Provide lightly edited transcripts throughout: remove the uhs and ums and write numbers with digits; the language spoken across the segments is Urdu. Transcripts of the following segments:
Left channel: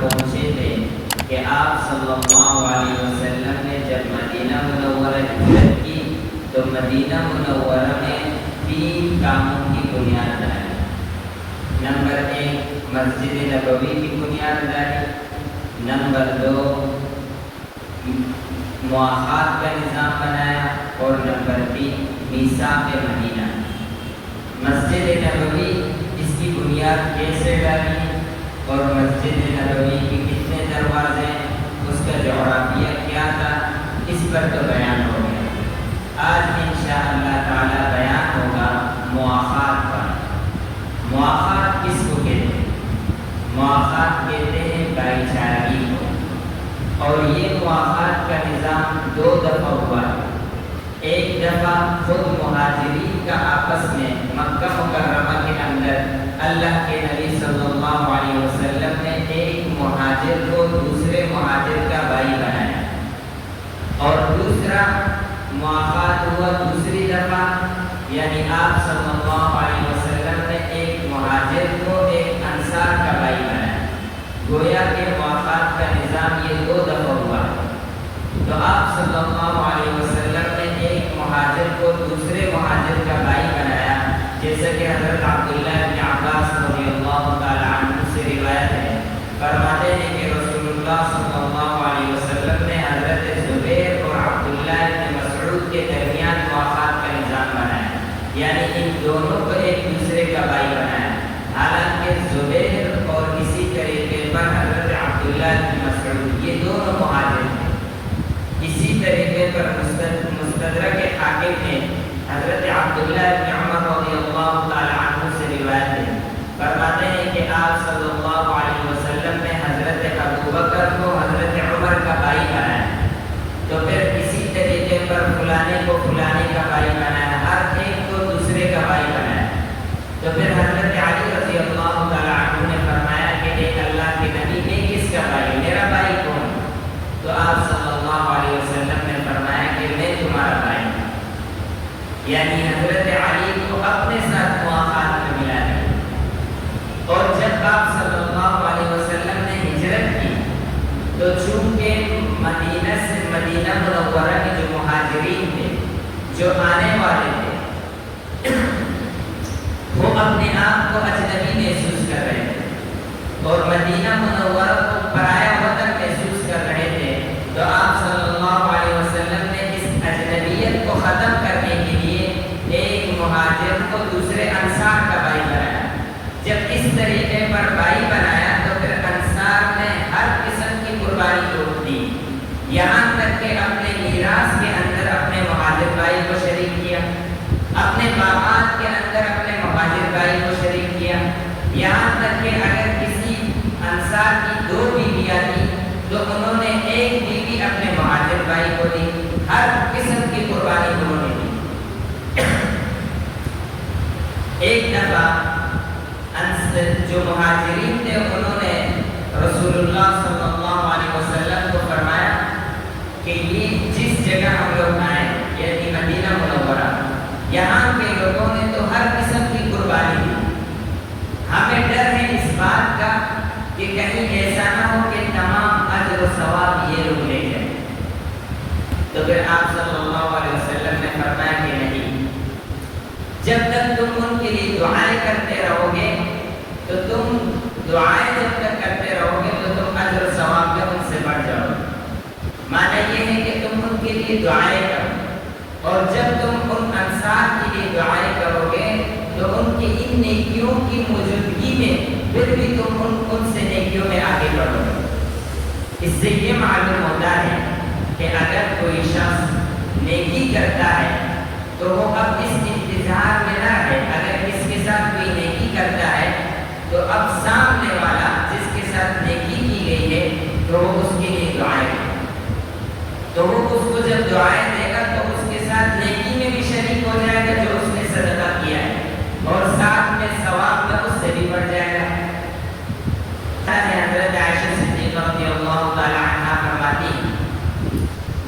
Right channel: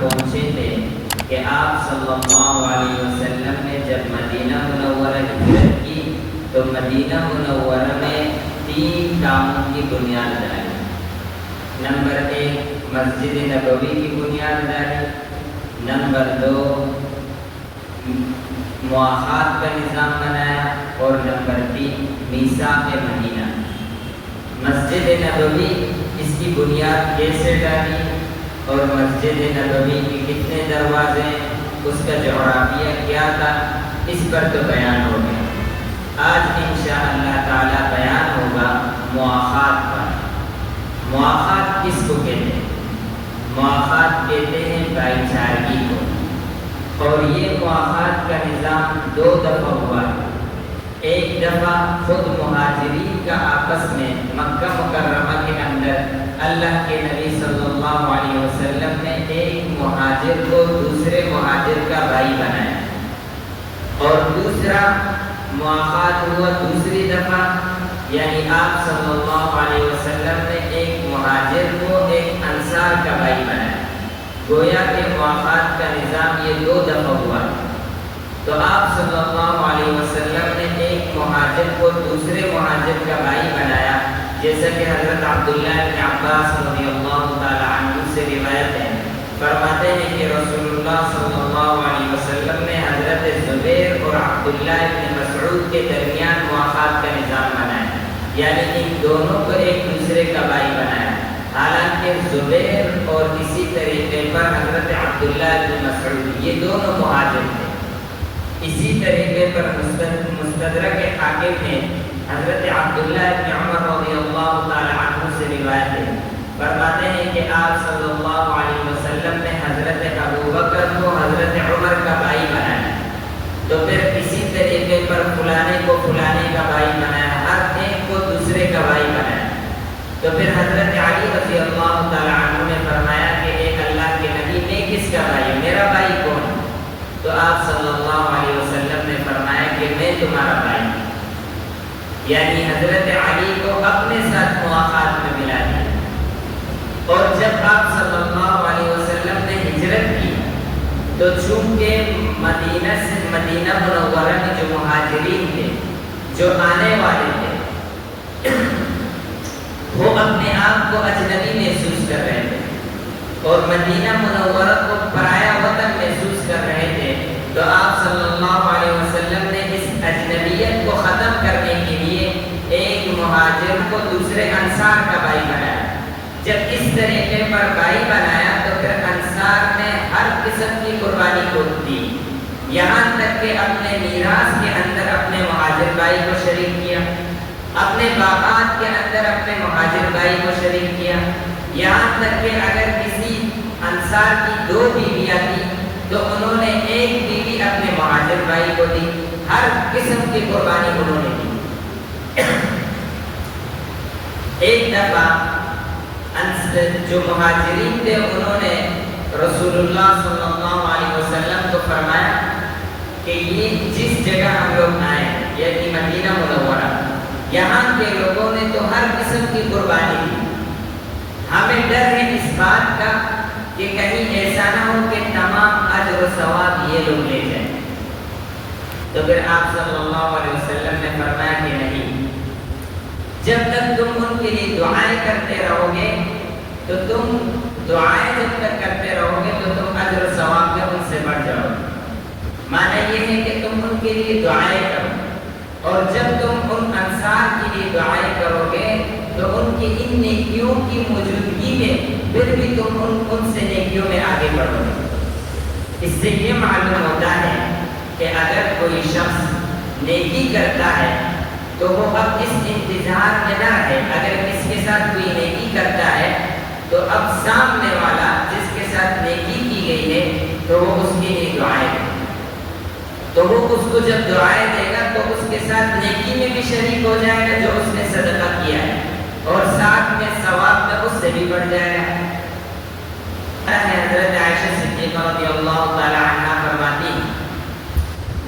پہنچے تھے کہ آپ صلی اللہ علیہ وسلم نے جب مدینہ منورہ ہجرت کی تو مدینہ منورہ میں 3 کاموں کی بنیاد ڈالی۔ نمبر 1 مسجد نبوی کی بنیاد ڈالی، نمبر 2 مواخات کا نظام بنایا، اور نمبر 3 میثاق مدینہ۔ مسجد نبوی اس کی بنیاد کیسے ڈالی اور مسجد نبوی کے کتنے دروازے ہیں، اس کا جغرافیہ کیا تھا، اس پر تو بیان ہو گیا۔ آج انشاءاللہ تعالی بیان ہوگا مواخات پر۔ مواخات کس کو کہتے ہیں؟ مواخات کہتے ہیں بھائی چارگی کو، اور یہ مواخات کا نظام 2 دفعہ ہوا ہے۔ ایک دفعہ خود مہاجرین کا آپس میں مکہ مکرمہ کے اندر اللہ کے نبی صلی اللہ علیہ وسلم نے ایک مہاجر کو دوسرے مہاجر کا بھائی بنایا، اور دوسرا مواخات ہوا دوسری دفعہ، یعنی آپ صلی اللہ علیہ وسلم نے ایک مہاجر کو ایک انصار کا بھائی بنایا۔ گویا کہ مواخات کا نظام یہ 2 دفعہ ہوا۔ تو آپ صلی اللہ علیہ وسلم نے ایک مہاجر کو دوسرے مہاجر کا بھائی بنایا، جیسا کہ حضرت عبداللہ بن عباس رضی اللہ تعالی عنہ سے روایت ہے، فرماتے ہیں کہ رسول اللہ صلی اللہ علیہ وسلم نے حضرت زبیر اور عبداللہ بن مسعود کے درمیان مواخات کا نظام بنایا، یعنی ان دونوں کو ایک دوسرے کا بھائی بنایا۔ حالانکہ زبیر اور اسی طریقے پر حضرت عبداللہ بن مسعود یہ دونوں مہاجر تھے۔ اسی طریقے پر مستدرک حاکم میں حضرت عبداللہ بن عمر رضی اللہ تعالی عنہ سے روایت ہے، فرماتے ہیں کہ آپ صلی اللہ علیہ وسلم نے حضرت ابوبکر کو حضرت عمر کا بھائی بنایا، تو پھر اسی طریقے پر فلانے کو فلانے کا بھائی بنایا، ہر ایک کو دوسرے کا بھائی بنایا۔ تو پھر حضرت علی رضی اللہ تعالی عنہ نے فرمایا کہ اے اللہ کے نبی میں کس کا بھائی، میرا بھائی کون؟ تو آپ صلی اللہ علیہ وسلم نے فرمایا کہ میں تمہارا بھائی ہوں، یعنی حضرت علی کو اپنے ساتھ مواخات میں ملا دیا۔ اور جب آپ صلی اللہ علیہ وسلم نے ہجرت کی تو چونکہ مدینہ منورہ کے جو مہاجرین تھے، جو آنے والے تھے، وہ اپنے آپ کو اجنبی محسوس کر رہے تھے اور مدینہ منورہ کو پرایا وطن محسوس کر رہے تھے، تو آپ صلی اللہ علیہ وسلم نے اس اجنبیت کو ختم کرنے کے لیے ایک مہاجر کو دوسرے انصار کا بھائی بنایا۔ جب اس طریقے پر بھائی بنایا تو پھر انصار نے ہر قسم کی قربانی کو دی، یہاں تک کہ اپنے میراث کے اندر اپنے مہاجر بھائی کو شریک کیا، اپنے باغات کے اندر اپنے مہاجر بھائی کو شریک کیا، یہاں تک کہ اگر کسی انصار کی 2 بیویاں تھیں تو انہوں نے ایک بیوی اپنے مہاجر بھائی کو دی، ہر قسم کی قربانی انہوں نے دی۔ ایک دفعہ جو مہاجرین تھے انہوں نے رسول اللہ صلی اللہ علیہ وسلم کو فرمایا کہ یہ جس جگہ ہم لوگ آئے، یعنی مدینہ منورہ، یہاں کے لوگوں نے تو ہر قسم کی قربانی دی، ہمیں ڈر ہے اس بات کا کہ کہیں ایسا نہ ہو کہ تمام اجر و ثواب یہ لوگ لے جائیں۔ تو پھر آپ صلی اللہ علیہ وسلم نے فرمایا کہ نہیں، جب تک تم ان کے لیے دعائیں کرتے رہو گے تو تم دعائیں جب تک کرتے رہو گے تو تم اجر و ثواب میں ان سے بڑھ جاؤ گے۔ معنی یہ ہے کہ تم ان کے لیے دعائیں کرو، اور جب تم ان انصار کے لیے دعائیں کرو گے تو ان کی ان نیکیوں کی موجودگی میں پھر بھی تم ان سے نیکیوں میں آگے بڑھو گے۔ اس سے یہ معلوم ہوتا ہے کہ اگر کوئی شخص نیکی کرتا ہے تو وہ اب اس انتظار میں نہ رہے، اگر اس کے ساتھ کوئی نیکی کرتا ہے تو اب سامنے والا جس کے ساتھ نیکی کی گئی ہے تو وہ اس کے لیے دعائیں دے، تو وہ اس کو جب دعائیں دے گا تو اس کے ساتھ نیکی میں بھی شریک ہو جائے گا جو اس نے صدقہ کیا ہے، اور ساتھ میں ثواب میں اس سے بھی بڑھ جائے گا۔ حضرت عائشہ صدیقہ رضی اللہ تعالی عنہا فرماتی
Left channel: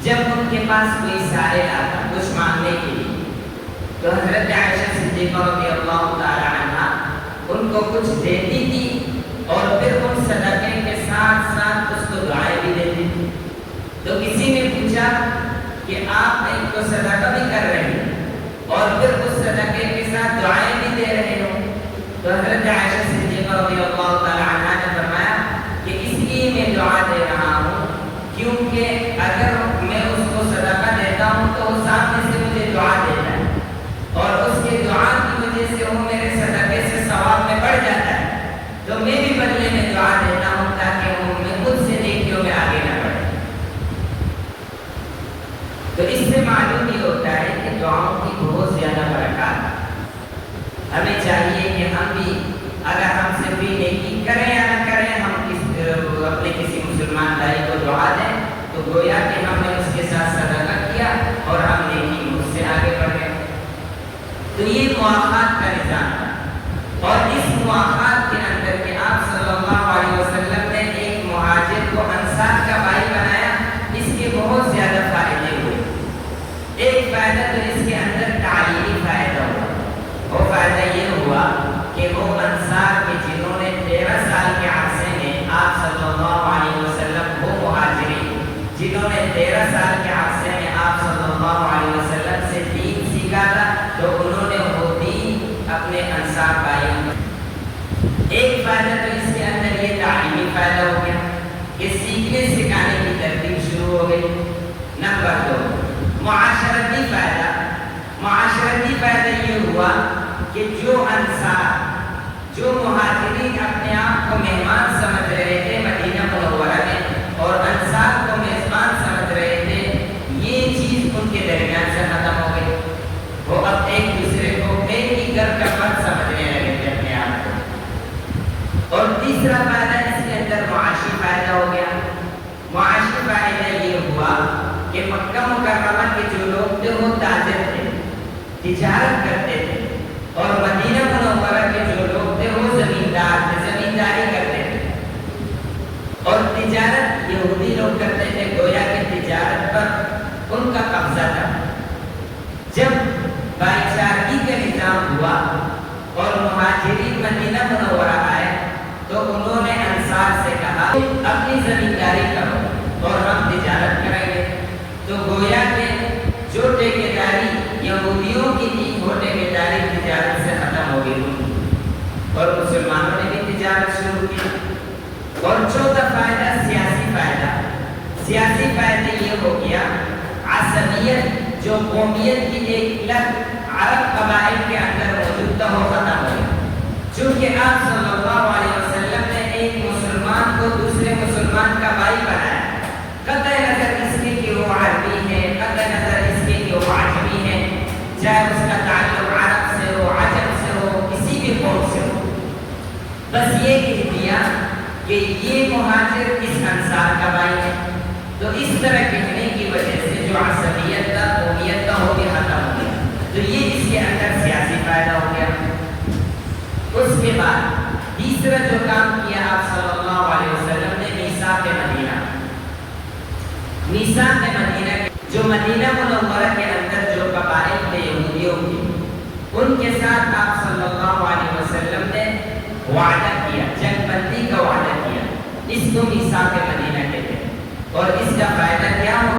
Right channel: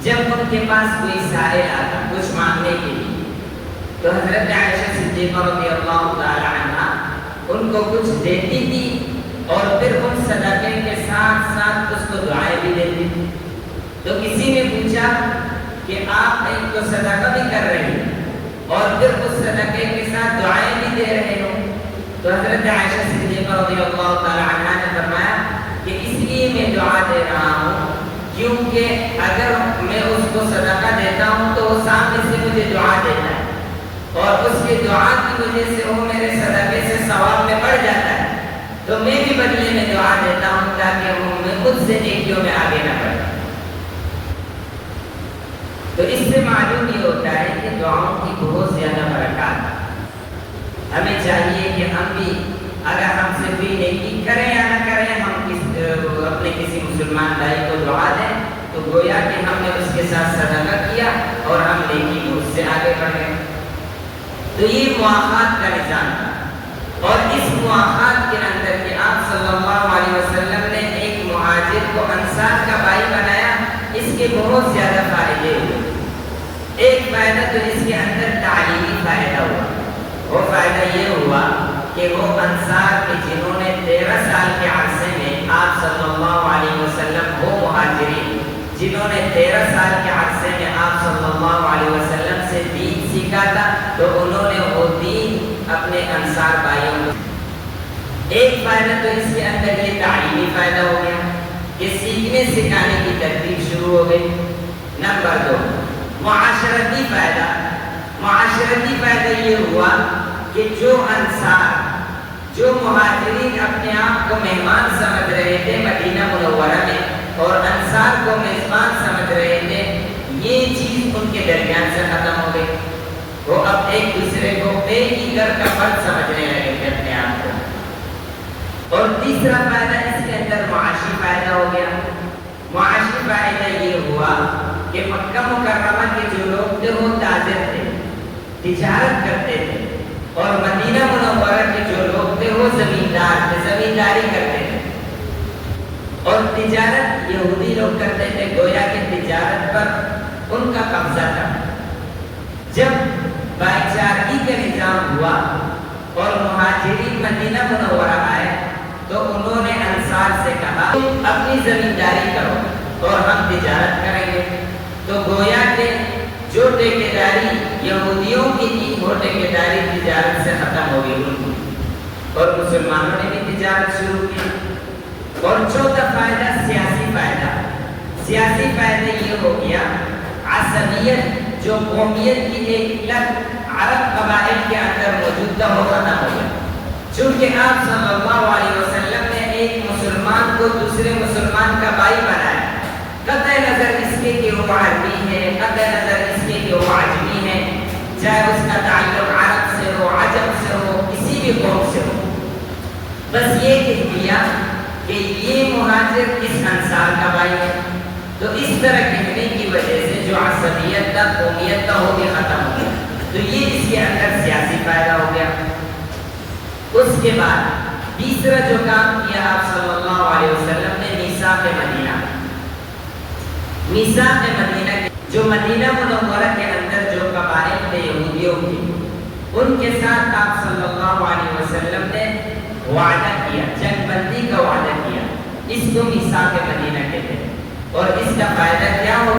جب ان کے پاس کوئی سائل آتا کچھ مانگنے کے لیے تو حضرت عائشہ صدیقہ رضی اللہ تعالی عنہا ان کو کچھ دیتی تھی، اور پھر ان صدقے کے ساتھ تو کسی نے پوچھا کہ آپ ایک تو صدقہ بھی کر رہے ہیں اور پھر اس صدقے کے ساتھ دعائیں بھی دے رہے ہیں، تو حضرت عائشہ صدیقہ رضی اللہ تعالی عنہا نے فرمایا کہ اس لیے میں دعا دے رہا ہوں کیونکہ اگر میں اس کو صدقہ دیتا ہوں تو وہ سامنے سے مجھے دعا دیتا ہے اور اس کی دعا کی وجہ سے وہ میرے صدقے سے ثواب میں بڑھ جاتا ہے، تو میں بھی بدلے میں دعا دیتا ہوں تاکہ وہ میں خود سے نیکیوں میں آگے نہ بڑھے۔ تو اس سے معلوم یہ ہوتا ہے کہ دعاؤں کی بہت زیادہ برکات ہے۔ ہمیں چاہیے کہ ہم بھی اگر ہم سے بھی نیکی کریں یا نہ کریں، ہم اپنے کسی مسلمان بھائی کو دعا دیں تو گویا کہ ہم نے اس کے ساتھ صدقہ کیا اور ہم نیکی اس سے آگے بڑھ گئے۔ تو یہ مواخات کا نظام تھا، اور اس مواخات کے اندر کہ آپ صلی اللہ علیہ وسلم نے ایک مہاجر کو انصار کا بھائی بنایا، اس کے بہت زیادہ فائدے ہوئے۔ ایک فائدہ تو اس کے اندر تعلیمی فائدہ ہوا، وہ فائدہ یہ ہوا کہ وہ انصار کے جنہوں نے 13 سال کے عرصے میں آپ صلی اللہ علیہ وسلم، وہ مہاجرین جنہوں نے 13 سال کے عرصے میں آپ صلی اللہ علیہ وسلم سے دین سیکھا تھا، تو انہوں نے وہ دین اپنے انصار بھائیوں کو۔ ایک فائدہ تو اس کے اندر یہ تعلیمی فائدہ ہو گیا کہ سیکھنے سکھانے کی ترتیب شروع ہو گئی۔ نمبر 2 معاشرتی فائدہ۔ معاشرتی فائدہ یہ ہوا کہ جو انصار، جو مہاجرین اپنے آپ کو مہمان سمجھ رہے تھے مدینہ منورہ میں اور انصار کو میزبان سمجھ رہے تھے، یہ چیز ان کے درمیان سے ختم ہو گئی۔ وہ اب ایک دوسرے کو ایک ہی گھر کا فرد سمجھنے لگے تھے اپنے آپ کو۔ اور تیسرا فائدہ اس کے اندر معاشی فائدہ ہو گیا۔ معاشی فائدہ یہ ہوا کہ مکہ مکرمہ کے جو لوگ تھے وہ تاجر تھے، تجارت کرتے تھے، اور مدینہ منورہ کے جو لوگ تھے وہ زمیندار تھے، زمینداری کرتے تھے، اور تجارت یہودی لوگ کرتے تھے، گویا کہ تجارت پر ان کا قبضہ تھا۔ جب بھائی چارگی کا نظام ہوا اور مہاجرین مدینہ منورہ آئے تو انہوں نے انصار سے کہا تم اپنی زمینداری کرو اور ہم تجارت کریں گے۔ تو گویا کہ جو ٹھیکیداری یہودیوں کی تھی وہ ٹھیکیداری تجارت سے ختم ہو گئی اور مسلمانوں نے بھی تجارت شروع کی۔ اور چوتھا فائدہ سیاسی فائدہ۔ سیاسی فائدہ یہ ہو گیا عصبیت، جو قومیت کی ایک لت عرب قبائل کے اندر موجود تھا وہ ختم ہو گئی، چونکہ آپ صلی اللہ علیہ وسلم نے ایک مسلمان کو دوسرے مسلمان کا بھائی بنایا، قطع نظر اس کے کہ وہ عربی ہے، قطع نظر اس کے کہ وہ عجمی ہے، چاہے اس کا تعلق عرب سے ہو، عجم سے ہو، کسی بھی قوم سے ہو، بس یہ کہہ دیا کہ یہ مہاجر اس انصار کا بھائی ہے۔ تو اس طرح کہنے کی وجہ سے جو عصبیت کا، قومیت کا ہو گیا ختم ہو گیا۔ تو یہ اس کے اندر سیاسی فائدہ ہو گیا۔ اس کے بعد تیسرا جو کام کیا آپ صلی اللہ علیہ وسلم نے میثاق مدینہ۔ میثاق مدینہ جو مدینہ منورہ کے اندر جو قبائل تھے یہودیوں کی، ان کے ساتھ آپ صلی اللہ علیہ وسلم نے وعدہ کیا، جنگ بندی کا وعدہ کیا، اس کو میثاق مدینہ کہتے ہیں۔ اور اس کا فائدہ کیا ہو